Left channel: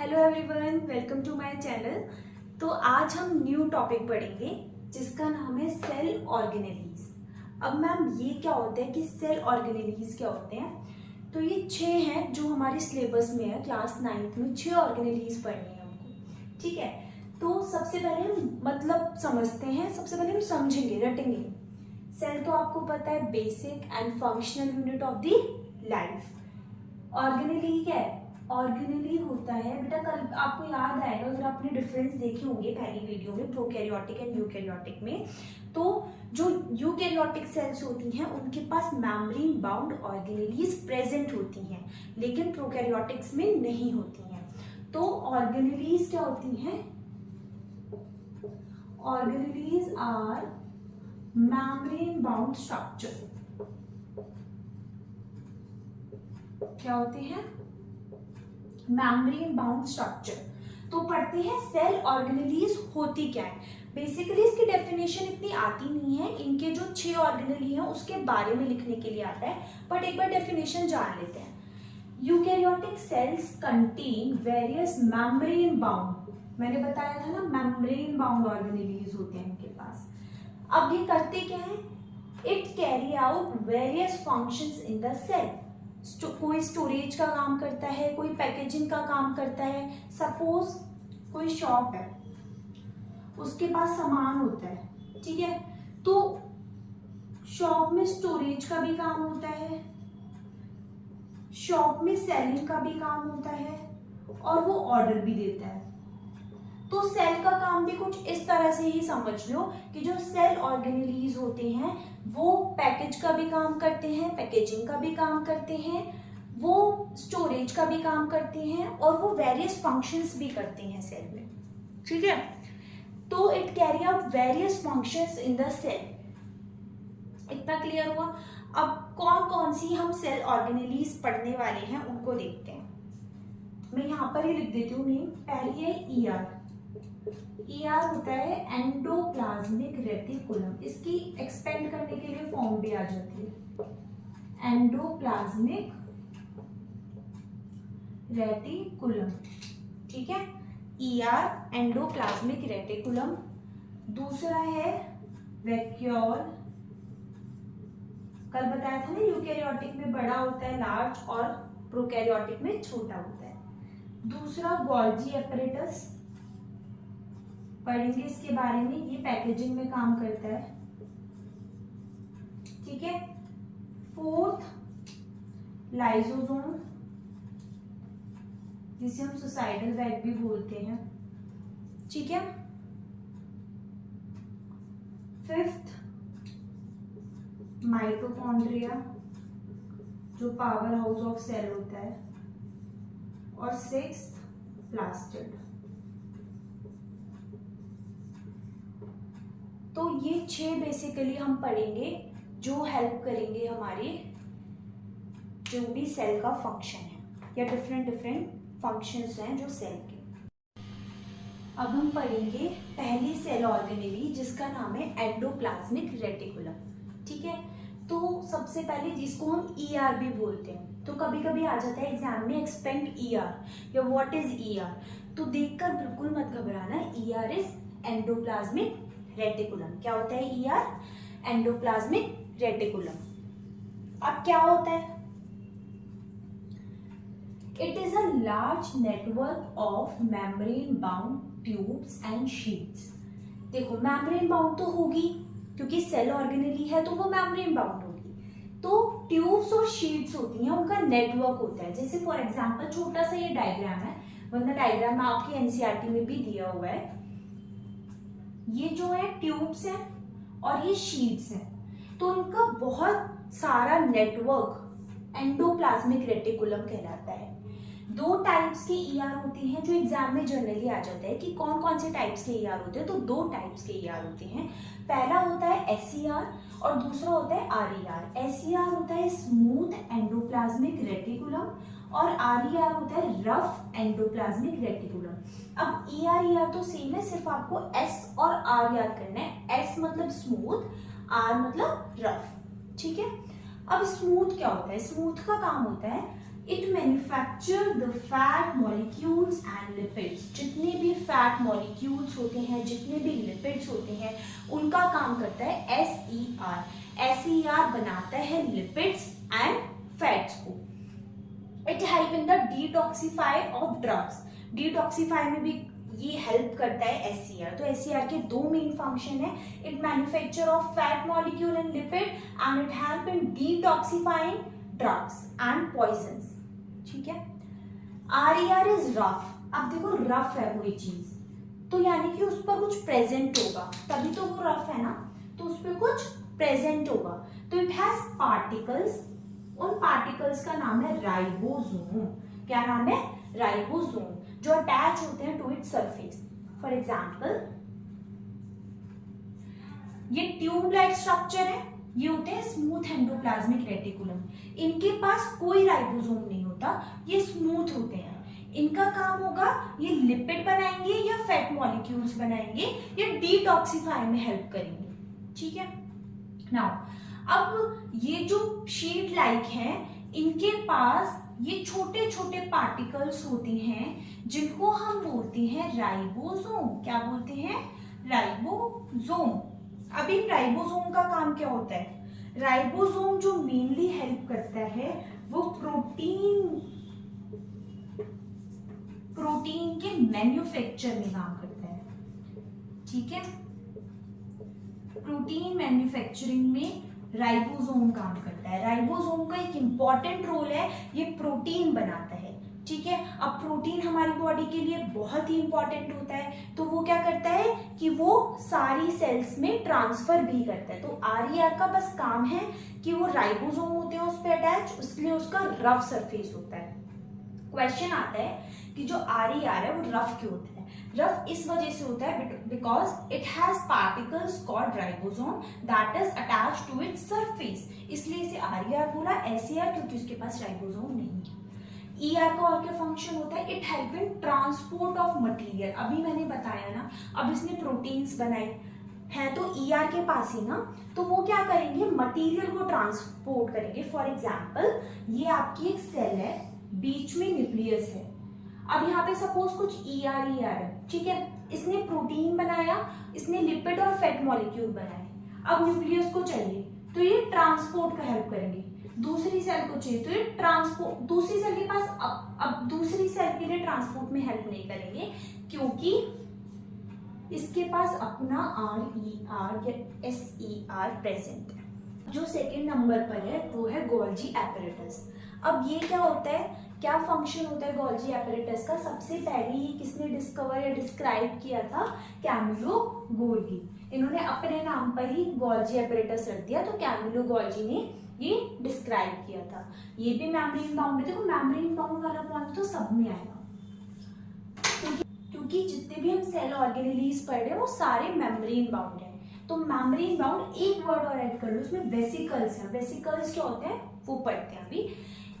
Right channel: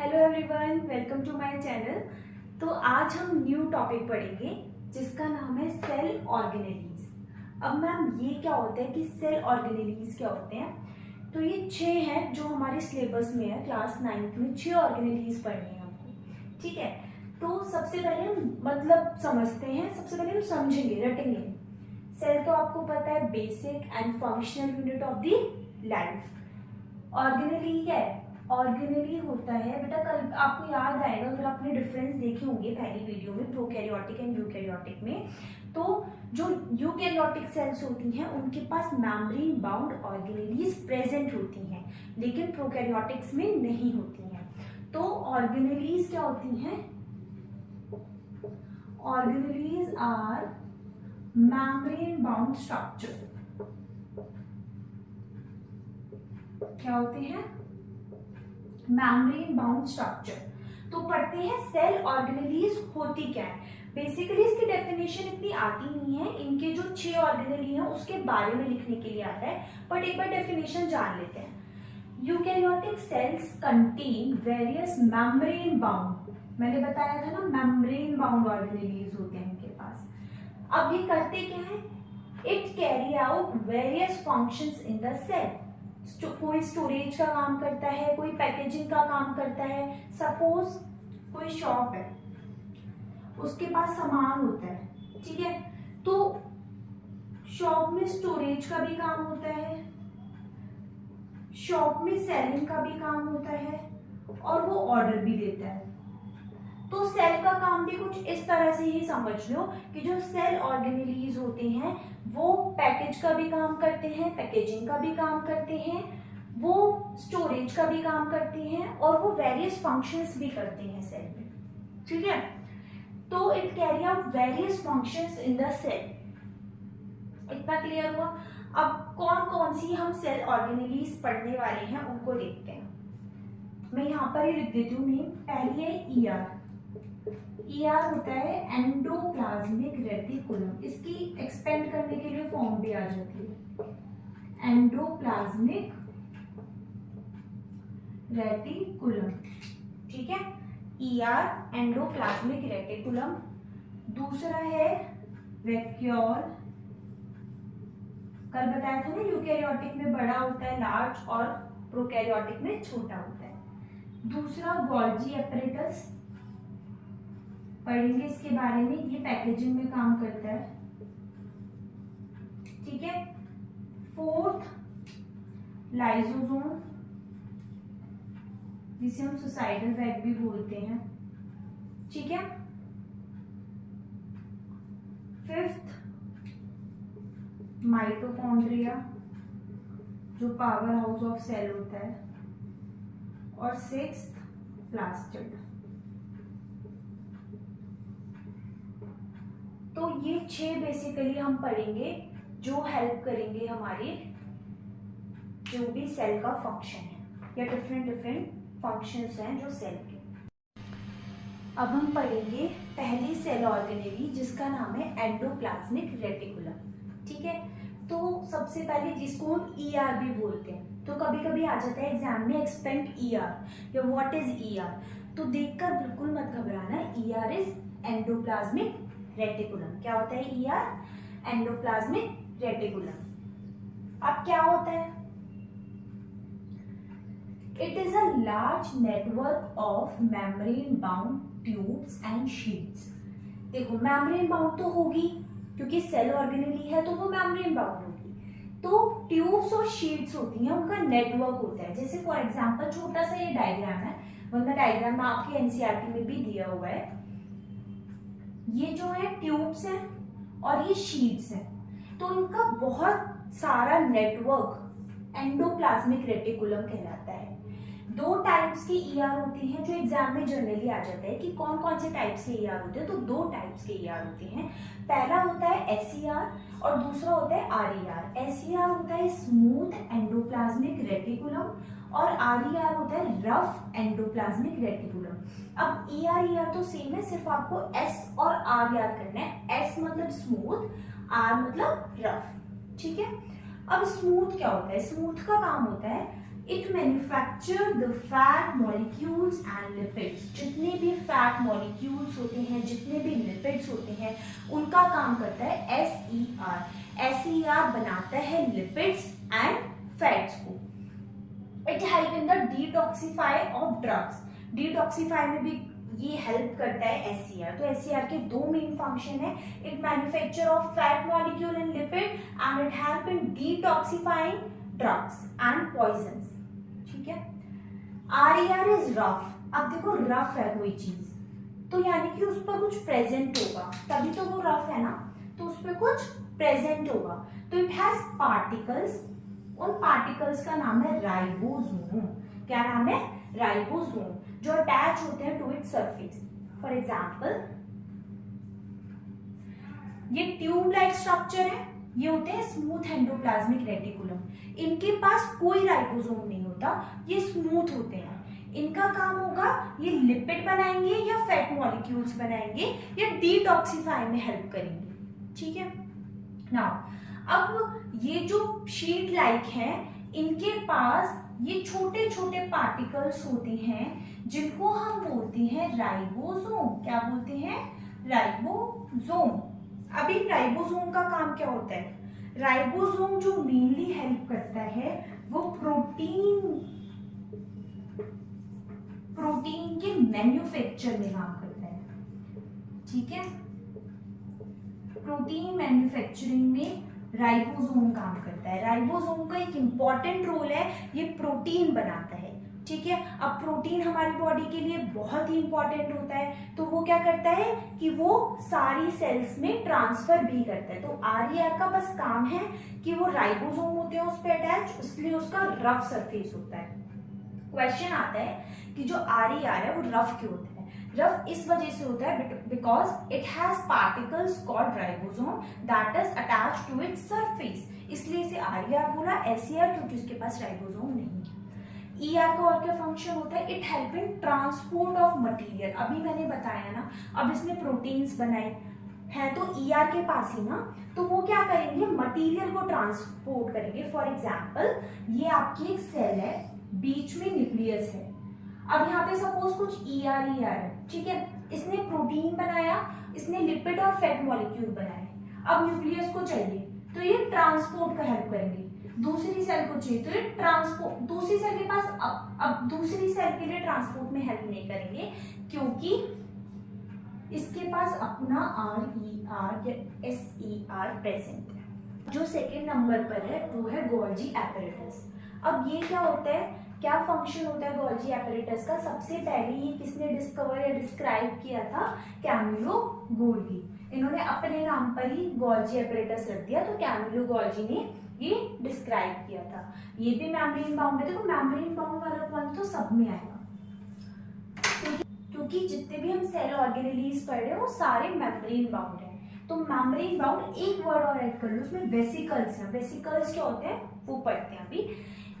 Hello everyone, welcome to my channel. तो आज हम न्यू टॉपिक पढ़ेंगे जिसका नाम है सेल ऑर्गेनेलीज। अब मैम ये क्या होता है कि सेल ऑर्गेनेलीज क्या होते हैं? तो ये 6 हैं जो हमारे सिलेबस में है। क्लास 9th में 6 ऑर्गेनेलीज पढ़नी है हमको, ठीक है। तो सबसे पहले हम मतलब समझते हैं, सबसे पहले हम समझेंगे, रटेंगे। सेल तो आपको पता है basic and functional unit of the life. Organelle क्या है? ऑर्गेनेली होता है बेटा, कल आपको याद आएगा अगर आपने डिफरेंस देखे होंगे पहली वीडियो में प्रोकैरियोटिक एंड यूकैरियोटिक में। तो जो यूकैरियोटिक सेल्स होती हैं उनके पास मेम्ब्रेन बाउंड ऑर्गेनेलीज प्रेजेंट होती हैं, लेकिन प्रोकैरियोटिक्स में नहीं होती हैं। तो ऑर्गेनेलीज क्या होती हैं? Organelles are membrane bound structure. क्या होते हैं? Membrane bound structure. तो पढ़ते हैं सेल ऑर्गेनेलीज होती क्या है। बेसिकली इसकी डेफिनेशन इतनी आती नहीं है, इनके जो 6 ऑर्गेनेली हैं उसके बारे में लिखने के लिए आता है, बट एक बार डेफिनेशन जान लेते हैं। Eukaryotic cells contain various membrane bound, मैंने बताया था ना मेम्ब्रेन बाउंड ऑर्गेनेलीज होते हैं इनके पास। अब ये करते क्या है? It carry out various functions in the cell. कोई स्टोरेज का काम करता है, कोई पैकेजिंग का काम करता है। सपोज कोई शॉप है, उसके पास सामान होता है, ठीक है। तो शॉप में स्टोरेज का भी काम होता है, शॉप में सेलिंग का भी काम होता है, और वो ऑर्डर भी देता है। तो सेल का काम भी कुछ इस तरह से ही समझ लो कि जो सेल ऑर्गेनेलीज होते हैं वो पैकेज का भी काम करते हैं, पैकेजिंग का भी काम करते हैं, वो स्टोरेज का भी काम करते हैं, और वो वेरियस फंक्शंस भी करते हैं सेल में, ठीक है। तो it carry out various functions in the cell. इतना क्लियर हुआ? अब कौन कौन सी हम सेल ऑर्गेनेलीज पढ़ने वाले हैं उनको देखते हैं। मैं यहाँ पर ही लिख देती हूँ नेम। पहली है ईआर। ईआर होता है एंडोप्लाज्मिक रेटिकुलम। इसकी एक्सपेंड करने के लिए फॉर्म भी आ जाती है, एंडोप्लाज्मिक रेटिकुलम, ठीक है। ER endoplasmic reticulum. दूसरा है वैक्यूल। कल बताया था ना यूकैरियोटिक में बड़ा होता है लार्ज, और प्रोकैरियोटिक में छोटा होता है। दूसरा गोल्जी एपरेटस, पढ़ेंगे इसके बारे में, ये पैकेजिंग में काम करता है, ठीक है। फोर्थ लाइसोसोम, जिसे हम सुसाइडल बैग भी बोलते हैं, ठीक है। फिफ्थ माइटोकॉन्ड्रिया, जो पावर हाउस ऑफ सेल होता है, और सिक्स्थ प्लास्टिड। तो ये 6 बेसिकली हम पढ़ेंगे जो हेल्प करेंगे हमारे जो भी सेल का फंक्शन है, या डिफरेंट फंक्शंस हैं जो सेल के। अब हम पढ़ेंगे पहली सेल ऑर्गेनेली जिसका नाम है एंडोप्लाज्मिक रेटिकुलम, ठीक है। तो सबसे पहले जिसको हम ईआर भी बोलते हैं, तो कभी कभी आ जाता है एग्जाम में एक्सपेक्ट ईआर या व्हाट इज ईआर, तो देखकर बिल्कुल मत घबराना। ER is endoplasmic reticulum. क्या होता है ईआर? Endoplasmic reticulum. अब क्या होता है? It is a large network of membrane bound tubes and sheets. देखो मेम्ब्रेन बाउंड तो होगी क्योंकि सेल ऑर्गेनेली है, तो वो मेम्ब्रेन बाउंड होगी। तो ट्यूब्स और शीट्स होती हैं, उनका नेटवर्क होता है। जैसे फॉर एग्जांपल छोटा सा ये डायग्राम है, वरना डायग्राम आपके एनसीईआरटी में भी दिया हुआ है। ये जो है ट्यूब्स हैं और ये शीट्स हैं, तो इनका बहुत सारा नेटवर्क एंडोप्लाज्मिक रेटिकुलम कहलाता है। 2 टाइप्स के ईआर होते हैं जो एग्जाम में जनरली आ जाता है कि कौन कौन से टाइप्स के ईआर होते हैं। तो 2 टाइप्स के ईआर होते हैं। पहला होता है एसईआर और दूसरा होता है आरईआर। एसईआर होता है स्मूथ एंडोप्लाज्मिक रेटिकुलम, और आरईआर होता है रफ एंडोप्लाज्मिक रेटिकुलम। अब ईआर ईआर तो सेम है, सिर्फ आपको एस और आर याद करना है। एस मतलब स्मूथ, आर मतलब रफ, ठीक है। अब स्मूथ क्या होता है? स्मूथ का काम होता है it manufacture the fat molecules and fat molecules होते हैं, जितने भी लिपिड्स होते हैं, उनका काम करता है SER। SER बनाता है लिपिड्स एंड फैट्स को। It help in the detoxify of drugs. Detoxify में भी ये हेल्प करता है SER। तो SER के दो मेन फंक्शन है, it manufacture of fat molecule and lipid and it help in detoxifying drugs and poisons. ठीक है। RER is rough. अब देखो रफ है कोई चीज, तो यानी कि उस पर कुछ प्रेजेंट होगा, तभी तो वो रफ है ना, तो उस पर कुछ प्रेजेंट होगा। तो इट हैज पार्टिकल्स, उन पार्टिकल्स का नाम है राइबोसोम। क्या नाम है? राइबोसोम, जो अटैच होते हैं to its surface. For example ये ट्यूब लाइक स्ट्रक्चर है, ये होते हैं स्मूथ एंडोप्लाज्मिक रेटिकुलम। इनके पास कोई राइबोसोम नहीं होता, ये स्मूथ होते हैं। इनका काम होगा ये लिपिड बनाएंगे या फैट मॉलिक्यूल्स बनाएंगे या डिटॉक्सिफाई में हेल्प करेंगे। ठीक है। नाउ अब ये जो शीट लाइक हैं, इनके पास ये छोटे छोटे पार्टिकल्स होते हैं जिनको हम बोलते हैं राइबोसोम। क्या बोलते हैं? राइबोसोम। अब इन राइबोसोम का काम क्या होता है? राइबोसोम जो मेनली हेल्प करता है वो प्रोटीन के मैन्युफैक्चर में काम करता है। ठीक है। प्रोटीन मैन्युफैक्चरिंग में राइबोसोम काम करता है। राइबोसोम का एक इंपॉर्टेंट रोल है, ये प्रोटीन बनाता है। ठीक है। अब प्रोटीन हमारी बॉडी के लिए बहुत ही इंपॉर्टेंट होता है, तो वो क्या करता है कि वो सारी सेल्स में ट्रांसफर भी करता है। तो RER का बस काम है कि वो राइबोसोम होते हैं उस पर अटैच, इसलिए उसका रफ सरफेस होता है। क्वेश्चन आता है कि जो RER है वो रफ क्यों होता है? रफ इस वजह से होता है because it has particles called ribosome that is attached to its surface, इसलिए इसे RER बोला। SER क्योंकि उसके पास राइबोसोम नहीं है। ER का और क्या फंक्शन होता है? It help in transport of material. अभी मैंने बताया ना, अब इसने प्रोटीन्स बनाई है तो ER के पास ही ना, तो वो क्या करेंगे? मटेरियल को ट्रांसपोर्ट करेंगे। फॉर एग्जाम्पल ये आपकी एक सेल है, बीच में न्यूक्लियस है। अब यहाँ पे सपोज कुछ ER है, ठीक है, इसने प्रोटीन बनाया, इसने लिपिड और फैट मॉलिक्यूल बनाए। अब न्यूक्लियस को चाहिए तो ये ट्रांसपोर्ट का हेल्प करेंगे। दूसरी सेल को चाहिए तो ये ट्रांसपोर्ट, दूसरी सेल के पास अब दूसरी सेल के लिए ट्रांसपोर्ट में हेल्प नहीं करेंगे क्योंकि इसके पास अपना RER या SER प्रेजेंट है। जो सेकेंड नंबर पर है वो है गोल्जी एपरेटस। अब ये क्या होता है, क्या फंक्शन होता है गोल्जी एपरेटस का? सबसे पहले ये किसने डिस्कवर या डिस्क्राइब किया था? Camillo Golgi. इन्होंने अपने नाम पर ही गोल्जी एपरेटस रख दिया, तो कैमिलो गोल्जी ने ये डिस्क्राइब किया था। ये भी मेम्ब्रेन बाउंड है। देखो मेम्ब्रेन बाउंड वाला पॉइंट तो सब में आएगा क्योंकि जितने भी हम सेल ऑर्गेनेलीज पढ़ रहे हैं वो सारे मेम्ब्रेन बाउंड हैं। तो मेम्ब्रेन बाउंड, एक वर्ड और ऐड कर लो, उसमें वेसिकल्स हैं। वेसिकल्स क्या होते हैं वो पढ़ते हैं अभी।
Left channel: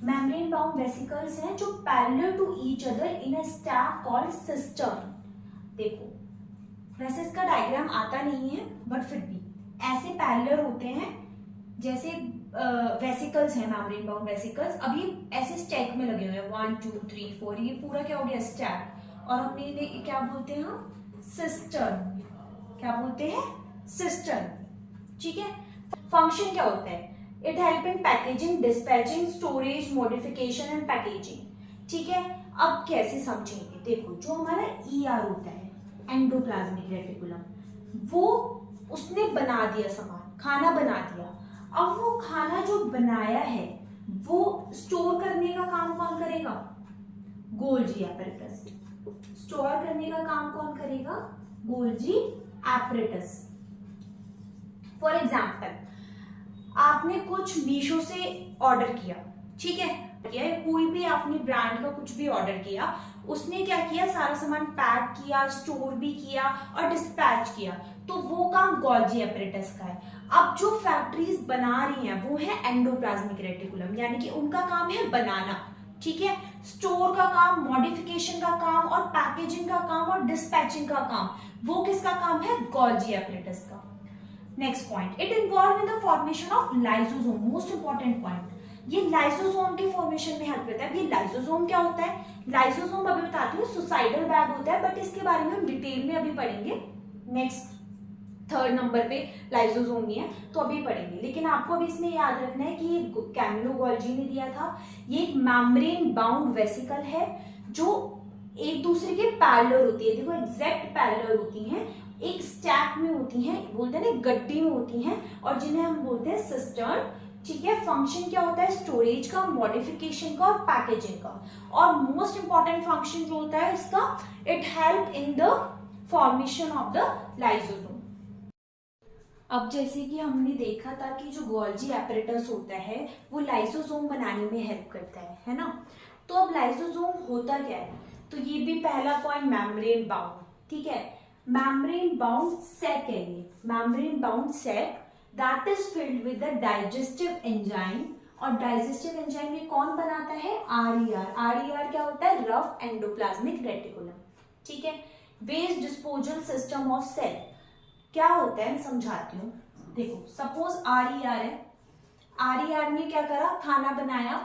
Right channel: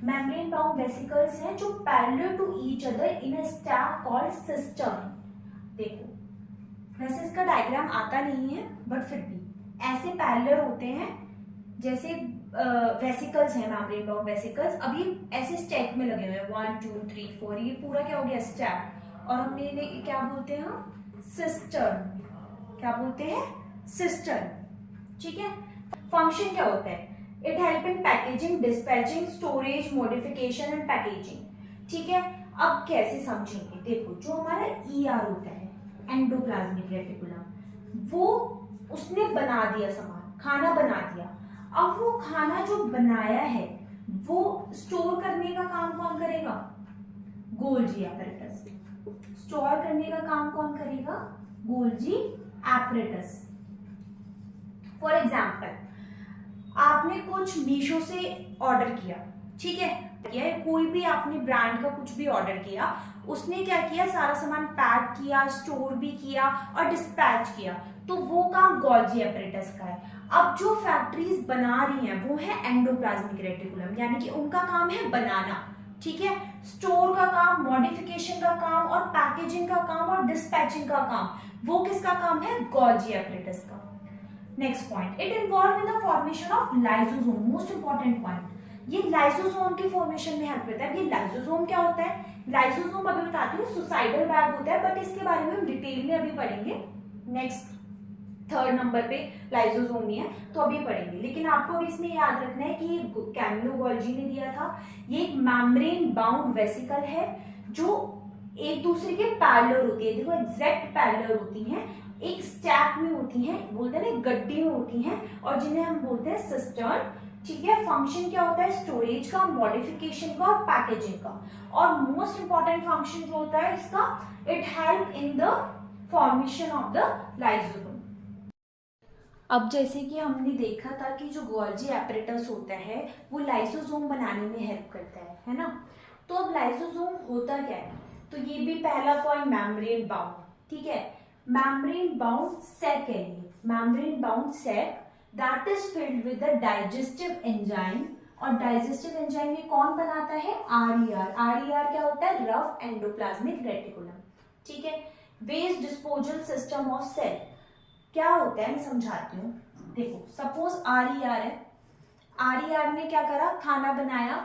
मेम्ब्रेन बाउंड वेसिकल्स हैं जो parallel to each other in a stack called cistern. देखो वैसे इसका डायग्राम आता नहीं है बट फिर भी ऐसे पैरेलल होते हैं, जैसे वेसिकल्स हैं मेम्ब्रेन बाउंड वेसिकल्स। अब ये ऐसे स्टैक में लगे हुए हैं 1 2 3 4, ये पूरा क्या हो गया? स्टैक। और हमने इन्हें क्या बोलते हैं? हम सिस्टर्न। क्या बोलते हैं? सिस्टर्न। ठीक है। फंक्शन क्या होता है? It help in packaging, dispatching, storage, modification and packaging. ठीक है। अब कैसे समझेंगे? देखो जो हमारा ER होता है, एंडोप्लाज्मिक रेटिकुलम, वो उसने बना दिया सामान, खाना बना दिया। अब वो खाना जो बनाया है वो स्टोर करने का काम कौन करेगा? Golgi apparatus. स्टोर करने का काम कौन करेगा? Golgi apparatus. फॉर एग्जाम्पल आपने कुछ मीशो से ऑर्डर किया, ठीक है, कोई भी आपने ब्रांड का कुछ भी ऑर्डर किया, उसने क्या किया? सारा सामान पैक किया, स्टोर भी किया और डिस्पैच किया, तो वो काम गोल्जी एपरेटस का है। अब जो फैक्ट्रीज बना रही हैं वो है एंडोप्लाज्मिक रेटिकुलम, यानी कि उनका काम है बनाना। ठीक है। स्टोर का काम, मॉडिफिकेशन का काम और पैकेजिंग का काम और डिस्पैचिंग का काम, वो किसका काम है? गोल्जी एपरेटस का। Next point, it involve in the formation of lysosome. Most important point, ये लाइसोसोम की फॉर्मेशन में हेल्प करता है। ये लाइसोसोम क्या होता है? लाइसोसोम अभी बताती हूँ, सुसाइडल बैग होता है, बट इसके बारे में हम डिटेल में अभी पढ़ेंगे। नेक्स्ट 3rd नंबर पे लाइसोसोम ही है, तो अभी पढ़ेंगे। लेकिन आपको अभी इसमें याद रखना है कि कैमिलो गोल्जी ने दिया था, ये एक मेम्ब्रेन बाउंड वेसिकल है जो एक दूसरे के पैरेलल होती है। देखो एग्जैक्ट पैरेलल होती हैं, एक स्टैक में होती हैं, बोलते हैं ना गड्डी में होती हैं, और जिन्हें हम बोलते हैं सिस्टर्न। ठीक है, फंक्शन क्या होता है? स्टोरेज का, मॉडिफिकेशन का और पैकेजिंग का। और मोस्ट इंपॉर्टेंट फंक्शन जो होता है इसका, it help in the formation of the lysosome. अब जैसे कि हमने देखा था कि जो गोल्जी एपरेटस होता है वो लाइसोसोम बनाने में हेल्प करता है ना। तो अब लाइसोसोम होता क्या है? तो ये भी पहला पॉइंट मेम्ब्रेन बाउंड, ठीक है, मेम्ब्रेन बाउंड सैक है ये, membrane bound sac that is filled with the digestive enzyme. और डाइजेस्टिव एंजाइम ये कौन बनाता है? आरईआर। आरईआर क्या होता है? Rough endoplasmic reticulum. ठीक है, waste disposal system of cell क्या होता है मैं समझाती हूँ। देखो सपोज आरईआर है, आरईआर ने क्या करा? खाना बनाया,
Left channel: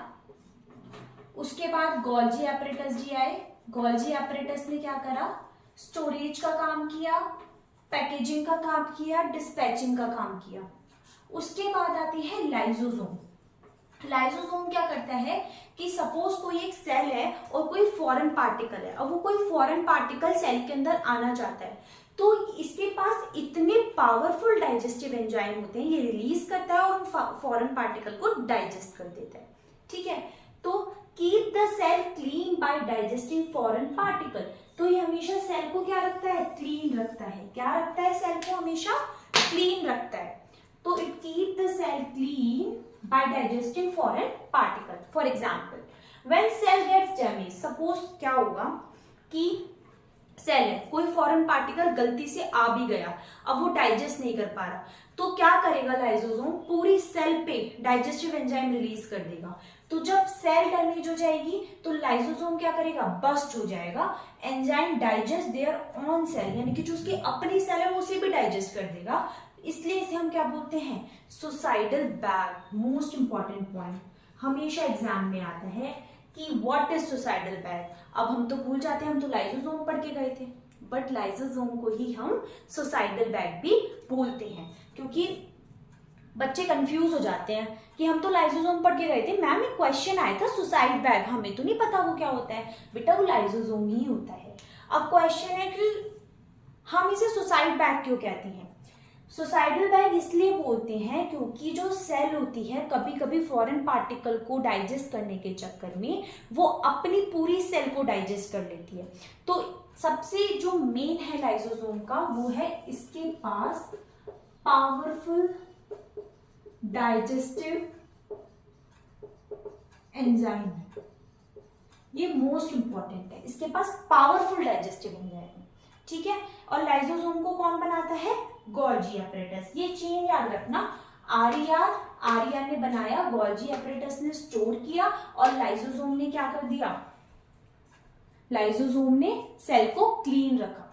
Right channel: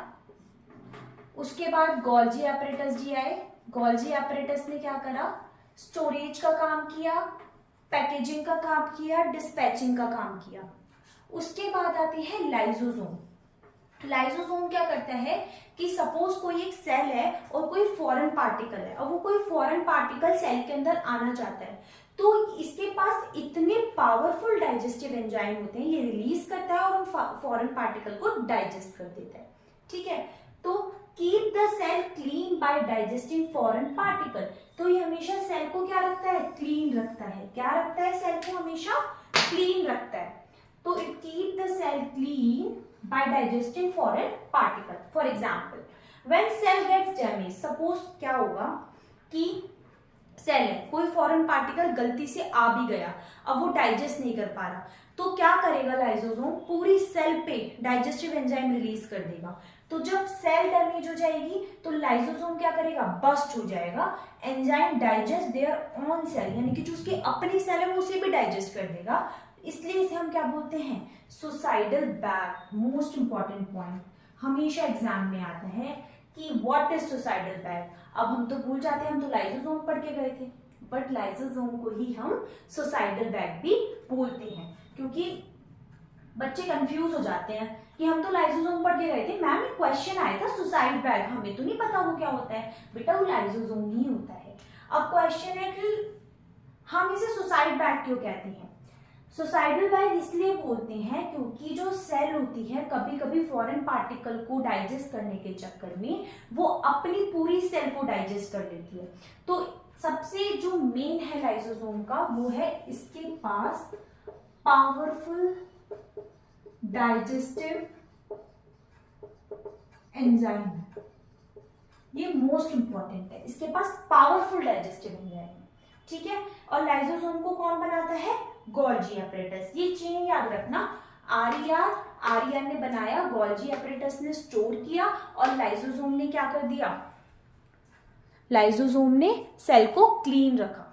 उसके बाद गोल्जी एपरेटस जी आए, गोल्जी एपरेटस ने क्या करा? स्टोरेज का काम किया, पैकेजिंग का काम किया, डिस्पैचिंग का काम किया। उसके बाद आती है लाइसोसोम। लाइसोसोम क्या करता है कि सपोज कोई एक सेल है और कोई फॉरेन पार्टिकल है, और वो कोई फॉरेन पार्टिकल सेल के अंदर आना चाहता है, तो इसके पास इतने पावरफुल डाइजेस्टिव एंजाइम होते हैं, ये रिलीज करता है और फॉरेन पार्टिकल को डाइजेस्ट कर देता है। ठीक है, तो keep the cell clean by digesting foreign particle. तो ये हमेशा सेल को क्या रखता है? क्लीन रखता है। क्या रखता है? सेल को हमेशा क्लीन रखता है। तो it keep the cell clean by digesting foreign particle. For example when cell gets damage, suppose क्या होगा कि सेल है, कोई फॉरेन पार्टिकल गलती से आ भी गया, अब वो डाइजेस्ट नहीं कर पा रहा, तो क्या करेगा लाइसोसोम? पूरी सेल पे डाइजेस्टिव एंजाइम रिलीज कर देगा। तो जब सेल डैमेज हो जाएगी तो लाइसोसोम क्या करेगा? बस्ट हो जाएगा, enzyme digest their on sale, यानी कि जो उसकी अपनी सेल है वो उसे भी डाइजेस्ट कर देगा। इसलिए इसे हम क्या बोलते हैं? Suicidal bag. Most important point हमेशा एग्जाम में आता है कि व्हाट इज सुसाइडल बैग। अब हम तो भूल जाते हैं, हम तो लाइसोसोम पढ़ के गए थे, बट लाइसोसोम को ही हम सुसाइडल बैग भी बोलते हैं, क्योंकि बच्चे कंफ्यूज हो जाते हैं कि हम तो लाइसोसोम पढ़ के गए थे, मैम एक क्वेश्चन आया था सुसाइड बैग, हमें तो नहीं पता वो क्या होता है। बेटा वो लाइसोसोम ही होता है। अब क्वेश्चन है कि हम इसे सुसाइड बैग क्यों कहते हैं? सुसाइडल बैग इसलिए बोलते हैं क्योंकि जो सेल होती है कभी कभी फॉरेन पार्टिकल को डाइजेस्ट करने के चक्कर में वो अपनी पूरी सेल को डाइजेस्ट कर लेती है। तो सबसे जो मेन है लाइसोसोम का, वो है इसके पास पावरफुल डाइजेस्टिव एंजाइम है। ये मोस्ट इंपॉर्टेंट है, इसके पास पावरफुल डाइजेस्टिव एंजाइम है। ठीक है, और लाइसोसोम को कौन बनाता है? Golgi apparatus. ये चेन याद रखना, आरईआर ने बनाया, गोल्जी एपरेटस ने स्टोर किया, और लाइसोसोम ने क्या कर दिया? लाइसोसोम ने सेल को क्लीन रखा।